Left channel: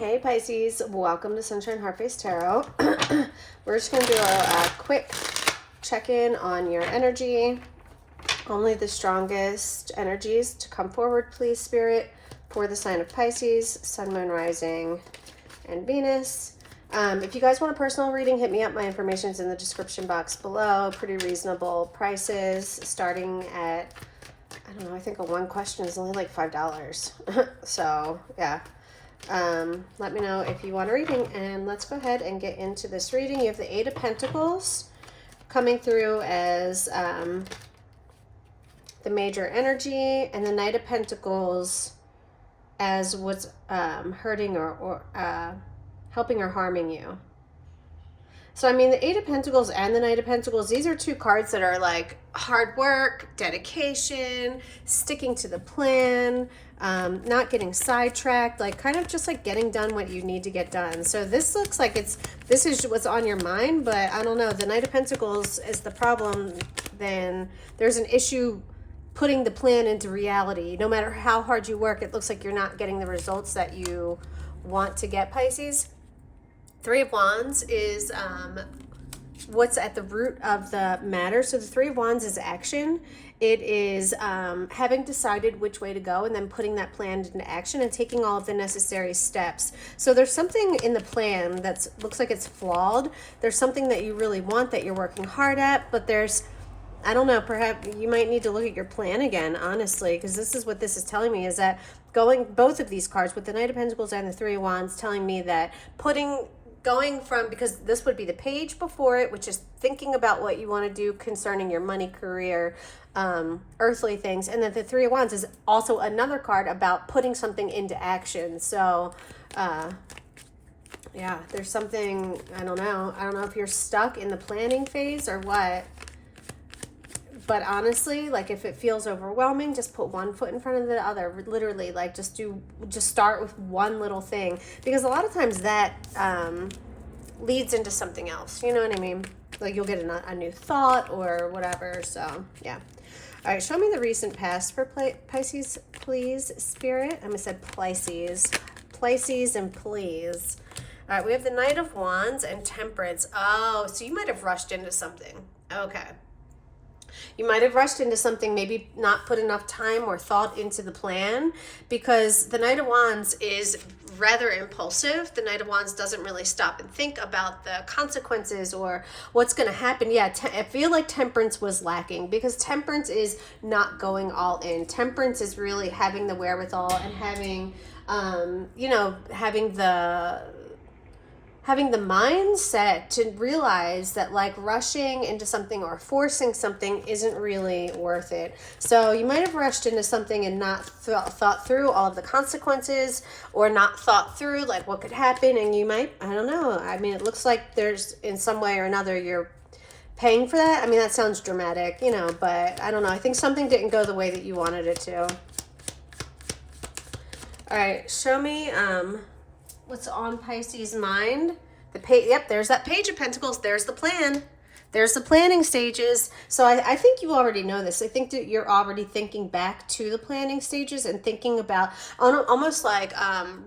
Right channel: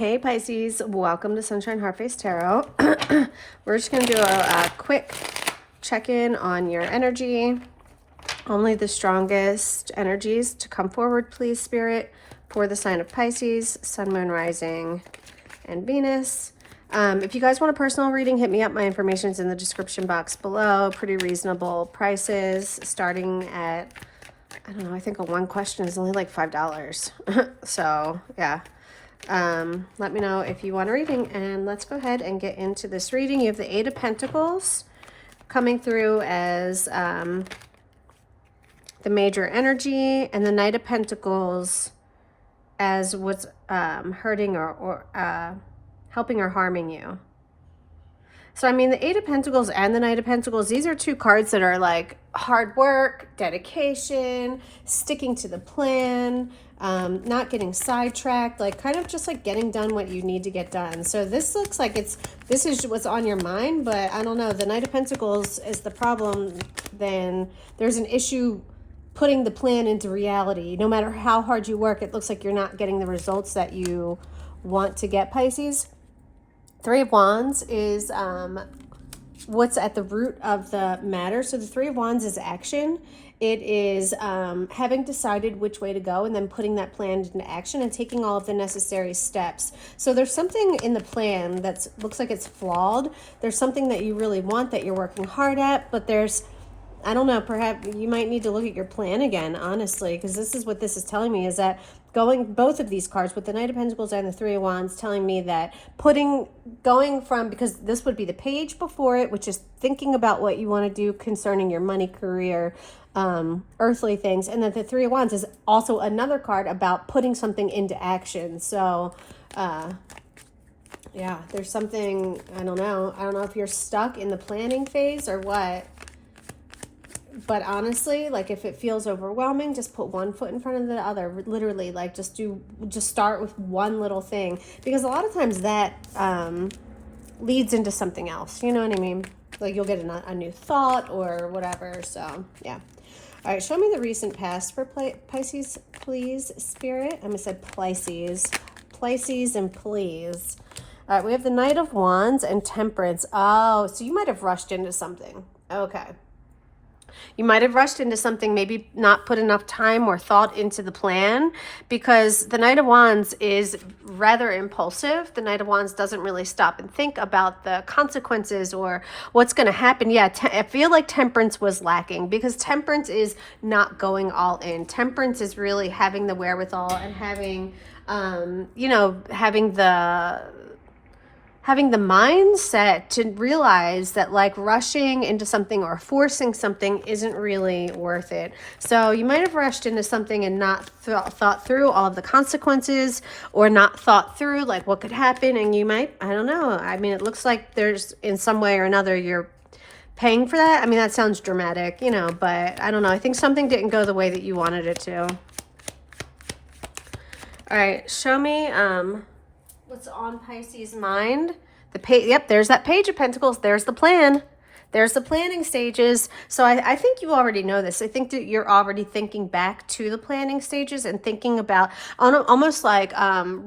Hey Pisces, welcome to Sunshine Heartface Tarot. We're just going to do a quick check-in on your energy. Only the strongest energies to come forward, please, Spirit, for the sign of Pisces, Sun, Moon, Rising, and Venus. If you guys want a personal reading, hit me up. My information's in the description box below. Pretty reasonable prices, starting at, I don't know, I think a one question is only like $5. So, yeah. Let me know if you want a reading, and let's go ahead and get into this reading. You have the Eight of Pentacles coming through as the major energy, and the Knight of Pentacles as what's hurting or helping or harming you. So, I mean, the Eight of Pentacles and the Knight of Pentacles, these are two cards that are like hard work, dedication, sticking to the plan, not getting sidetracked, like kind of just like getting done what you need to get done. So this looks like this is what's on your mind, but I don't know. The Knight of Pentacles is the problem. Then there's an issue putting the plan into reality. No matter how hard you work, it looks like you're not getting the results that you want to get, Pisces. Three of Wands is what's at the root of the matter. So the Three of Wands is action. It is having decided which way to go and then putting that plan into action and taking all of the necessary steps. So there's something in the plan that looks like it's flawed. There's something that you really want that you're working hard at, but there's, I don't know, perhaps you might need to look at your plan again, honestly, because this is what this is telling me, is that both of these cards with the Knight of Pentacles and the Three of Wands telling me that going from, because this would be the page before it, which is thinking about what you want to do concerning your money, career, earthly things, and then the Three of Wands is also another card about putting something into action. So yeah, there's something, I don't know if you're stuck in the planning phase or what. But honestly, like if it feels overwhelming, just put one foot in front of the other. Literally, like just start with one little thing, because a lot of times that leads into something else. You know what I mean? Like you'll get a new thought or whatever. So yeah. All right, show me the recent past for Pisces, please, Spirit. I almost said Pisces, and please. All right, we have the Knight of Wands and Temperance. Oh, so you might have rushed into something. Okay. You might have rushed into something, maybe not put enough time or thought into the plan, because the Knight of Wands is rather impulsive. The Knight of Wands doesn't really stop and think about the consequences or what's going to happen. Yeah, I feel like Temperance was lacking, because Temperance is not going all in. Temperance is really having the wherewithal and having, having the mindset to realize that like rushing into something or forcing something isn't really worth it. So you might have rushed into something and not thought through all of the consequences, or not thought through like what could happen, and you might, I don't know. I mean, it looks like there's, in some way or another, you're paying for that. I mean, that sounds dramatic, but I don't know. I think something didn't go the way that you wanted it to. All right, show me what's on Pisces' mind. Yep, there's that Page of Pentacles. There's the plan. There's the planning stages. So I think you already know this. I think that you're already thinking back to the planning stages and thinking about almost like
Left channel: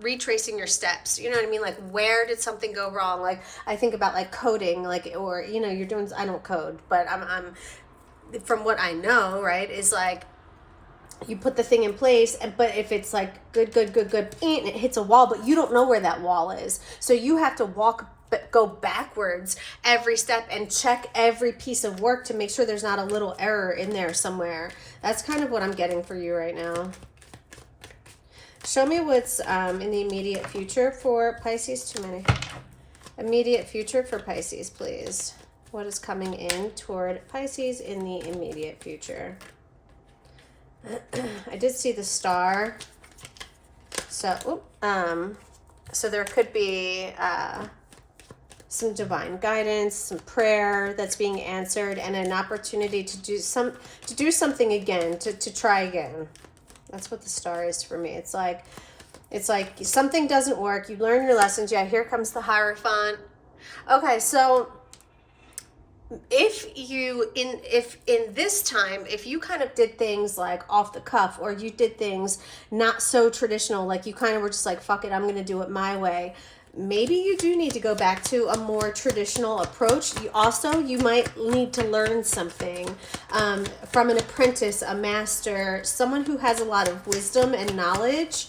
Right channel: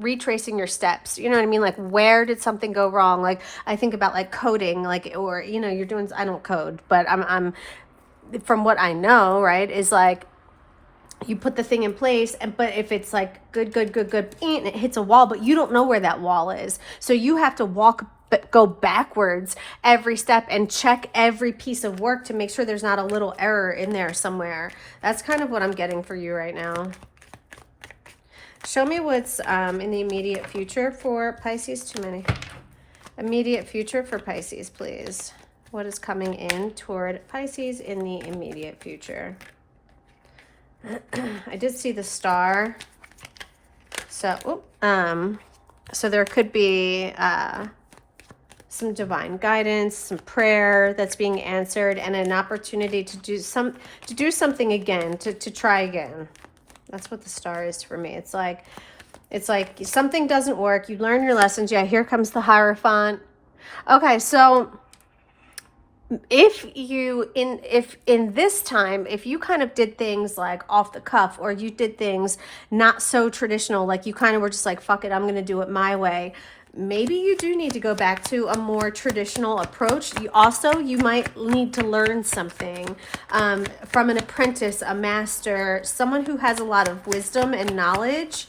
retracing your steps. You know what I mean? Like, where did something go wrong? Like, I think about like coding, like, or, you're doing, I don't code, but I'm from what I know, right, is like, you put the thing in place, but if it's like good, and it hits a wall, but you don't know where that wall is. So you have to go backwards every step and check every piece of work to make sure there's not a little error in there somewhere. That's kind of what I'm getting for you right now. Show me what's in the immediate future for Pisces. Too many. Immediate future for Pisces, please. What is coming in toward Pisces in the immediate future? I did see the star. So, so there could be some divine guidance, some prayer that's being answered, and an opportunity to do something again, to try again. That's what the star is for me. It's like something doesn't work. You learn your lessons. Yeah, here comes the Hierophant. Okay, so if in this time, if you kind of did things like off the cuff, or you did things not so traditional, like you kind of were just like, fuck it, I'm going to do it my way, maybe you do need to go back to a more traditional approach. You might need to learn something from an apprentice, a master, someone who has a lot of wisdom and knowledge.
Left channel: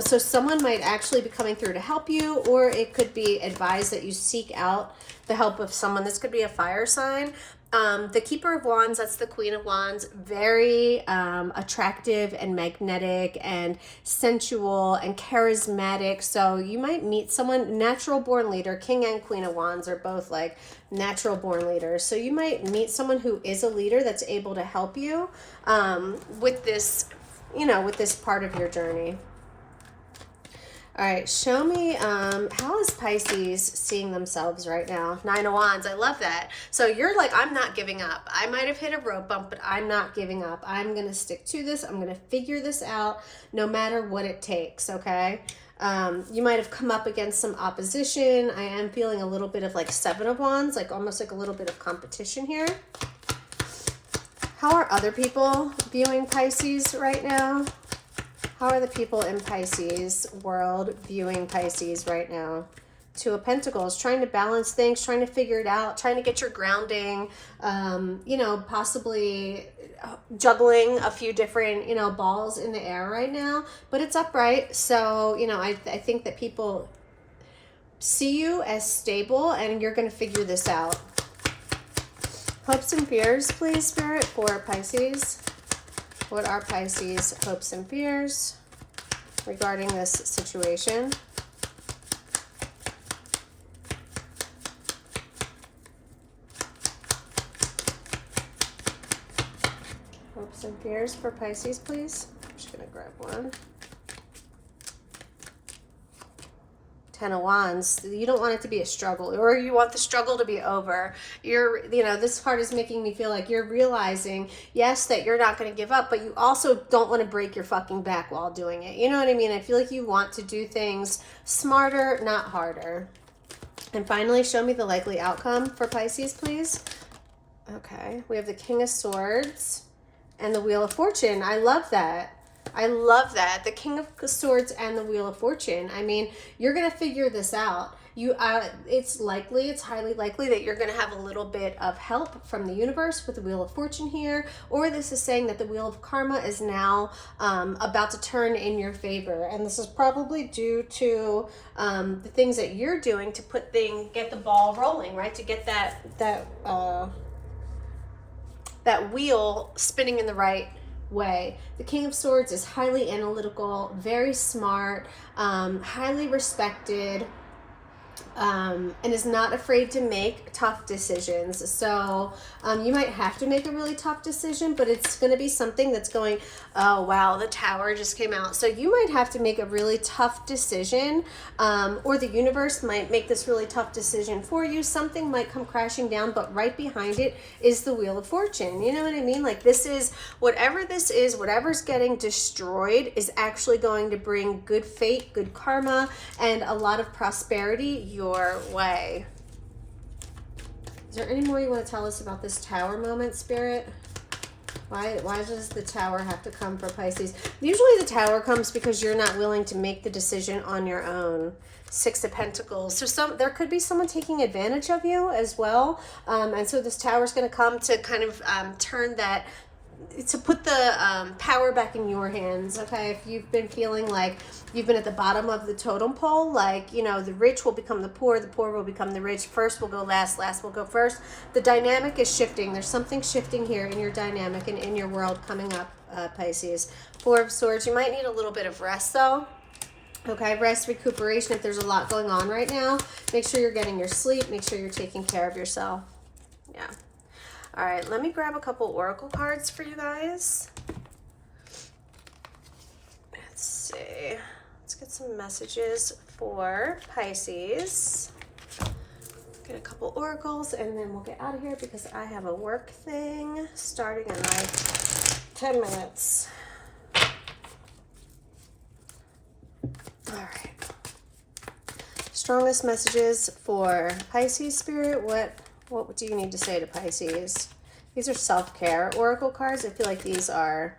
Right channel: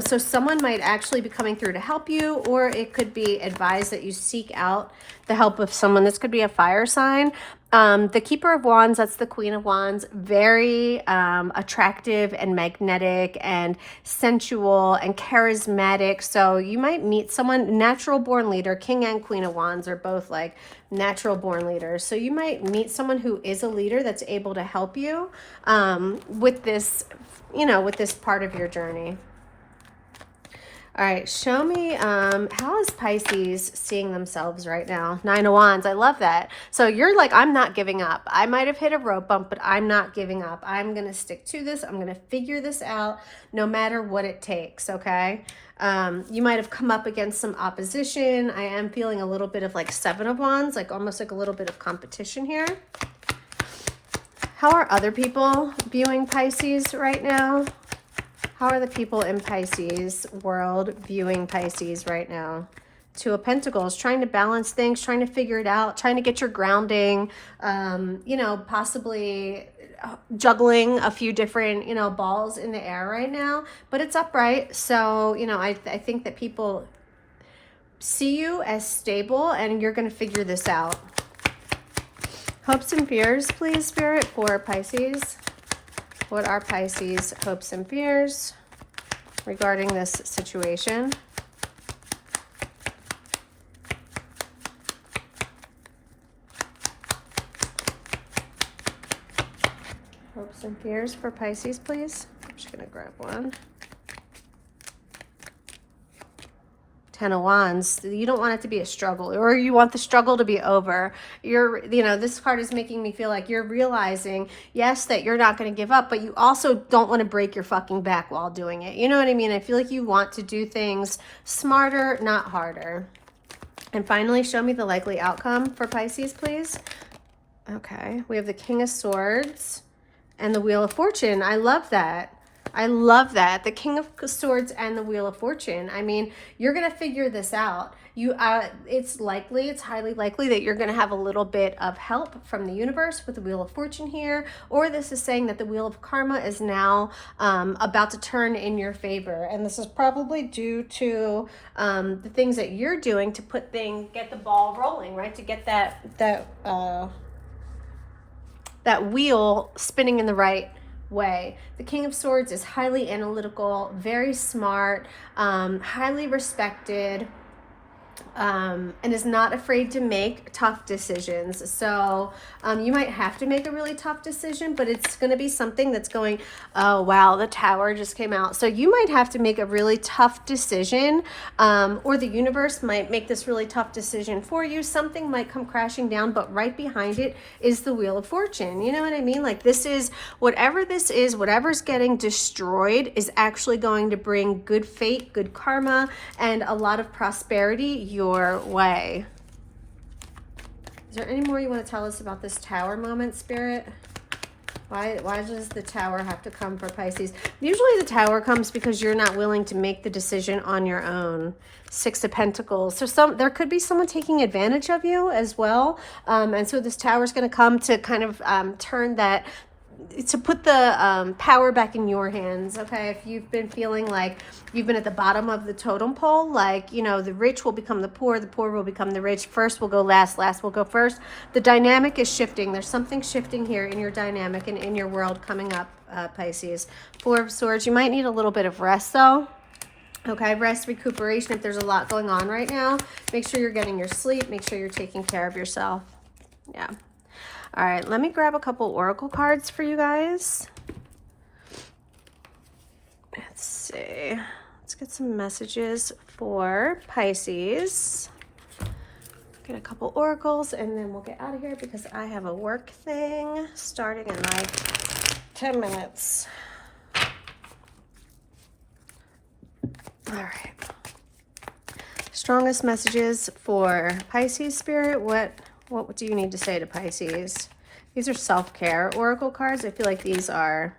So someone might actually be coming through to help you, or it could be advised that you seek out the help of someone. This could be a fire sign. The Keeper of Wands, that's the Queen of Wands, very attractive and magnetic and sensual and charismatic. So you might meet someone, natural born leader. King and Queen of Wands are both like natural born leaders. So you might meet someone who is a leader that's able to help you with this, with this part of your journey. All right, show me, how is Pisces seeing themselves right now? 9 of Wands, I love that. So you're like, I'm not giving up. I might have hit a road bump, but I'm not giving up. I'm going to stick to this. I'm going to figure this out no matter what it takes, okay? You might have come up against some opposition. I am feeling a little bit of like 7 of Wands, like almost like a little bit of competition here. How are other people viewing Pisces right now? How are the people in Pisces world viewing Pisces right now? 2 of Pentacles, trying to balance things, trying to figure it out, trying to get your grounding, possibly juggling a few different, balls in the air right now, but it's upright. So, I think that people see you as stable and you're going to figure this out. Hopes and fears, please, Spirit, for Pisces. What are Pisces' hopes and fears regarding this situation? Hopes and fears for Pisces, please. I'm just going to grab one. 10 of Wands. You don't want it to be a struggle, or you want the struggle to be over. This part is making me feel like you're realizing, yes, that you're not going to give up, but you also don't want to break your fucking back while doing it. You know what I mean? I feel like you want to do things smarter, not harder. And finally, show me the likely outcome for Pisces, please. Okay, we have the King of Swords and the Wheel of Fortune. I love that. I love that. The King of Swords and the Wheel of Fortune. I mean, you're going to figure this out. It's highly likely that you're going to have a little bit of help from the universe with the Wheel of Fortune here, or this is saying that the Wheel of Karma is now about to turn in your favor. And this is probably due to the things that you're doing to get the ball rolling, right? To get that wheel spinning in the right way. The King of Swords is highly analytical, very smart, highly respected, and is not afraid to make tough decisions. So you might have to make a really tough decision, but it's going to be something that's going, oh wow, the Tower just came out. So you might have to make a really tough decision, or the universe might make this really tough decision for you. Something might come crashing down, but right behind it is the Wheel of Fortune. You know what I mean? Like whatever's getting destroyed is actually going to bring good fate, good karma, and a lot of prosperity your way. Is there any more you want to tell us about this Tower moment, Spirit? Why does the Tower have to come for Pisces? Usually the Tower comes because you're not willing to make the decision on your own. 6 of Pentacles. So there could be someone taking advantage of you as well. And so this Tower is going to come to kind of turn that, to put the power back in your hands, okay? If you've been feeling like you've been at the bottom of the totem pole, like, the rich will become the poor will become the rich, first will go last, last will go first. The dynamic is shifting. There's something shifting here in your dynamic and in your world coming up, Pisces. 4 of Swords. You might need a little bit of rest, though. Okay, rest, recuperation. If there's a lot going on right now, make sure you're getting your sleep. Make sure you're taking care of yourself. Yeah. All right, let me grab a couple oracle cards for you guys. Let's see. Let's get some messages for Pisces. Get a couple oracles, and then we'll get out of here because I have a work thing starting in like 10 minutes. All right. Strongest messages for Pisces, Spirit. What What do you need to say to Pisces? These are self-care oracle cards. I feel like these are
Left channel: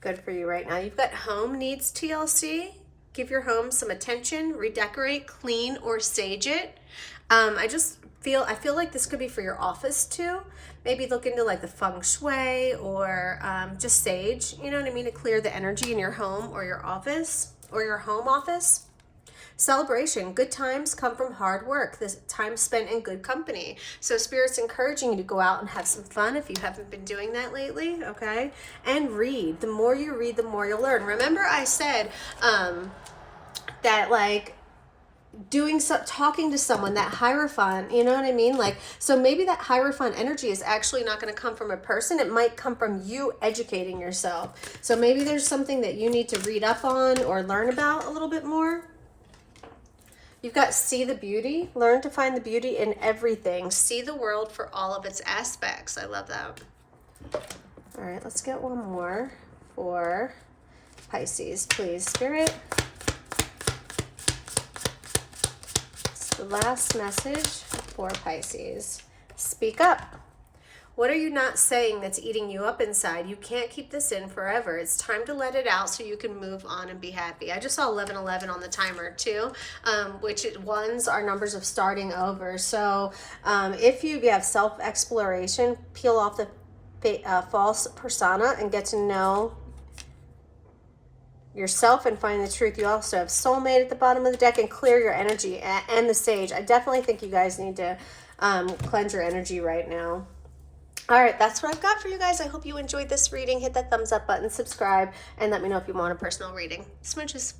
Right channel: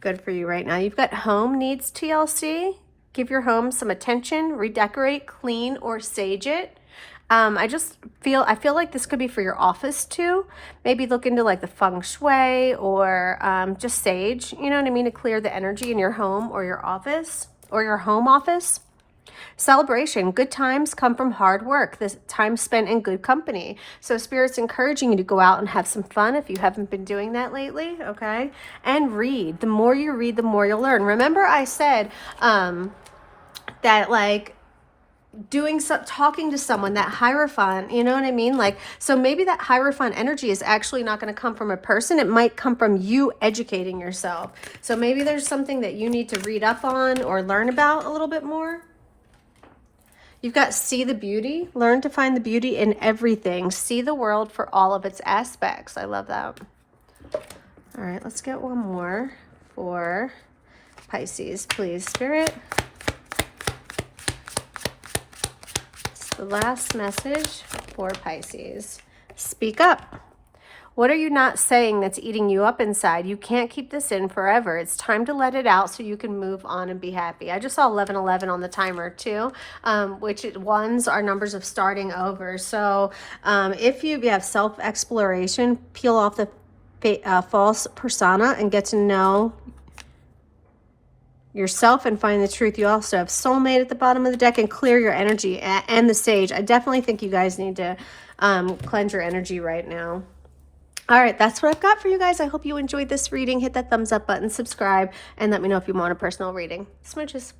good for you right now. You've got home needs TLC. Give your home some attention, redecorate, clean, or sage it. I feel like this could be for your office too. Maybe look into like the feng shui or just sage, you know what I mean, to clear the energy in your home or your office or your home office. Celebration. Good times come from hard work. This time spent in good company. So Spirit's encouraging you to go out and have some fun if you haven't been doing that lately, okay? And read. The more you read, the more you'll learn. Remember I said that like talking to someone, that Hierophant, you know what I mean? Like, so maybe that Hierophant energy is actually not going to come from a person. It might come from you educating yourself. So maybe there's something that you need to read up on or learn about a little bit more. You've got see the beauty. Learn to find the beauty in everything. See the world for all of its aspects. I love that. All right, let's get one more for Pisces, please, Spirit. It's the last message for Pisces. Speak up. What are you not saying that's eating you up inside? You can't keep this in forever. It's time to let it out so you can move on and be happy. I just saw 1111 on the timer too, which ones are numbers of starting over. So if you have self-exploration, peel off the false persona and get to know yourself and find the truth. You also have soulmate at the bottom of the deck and clear your energy, and the sage. I definitely think you guys need to cleanse your energy right now. All right, that's what I've got for you guys. I hope you enjoyed this reading. Hit that thumbs up button, subscribe, and let me know if you want a personal reading. Smooches.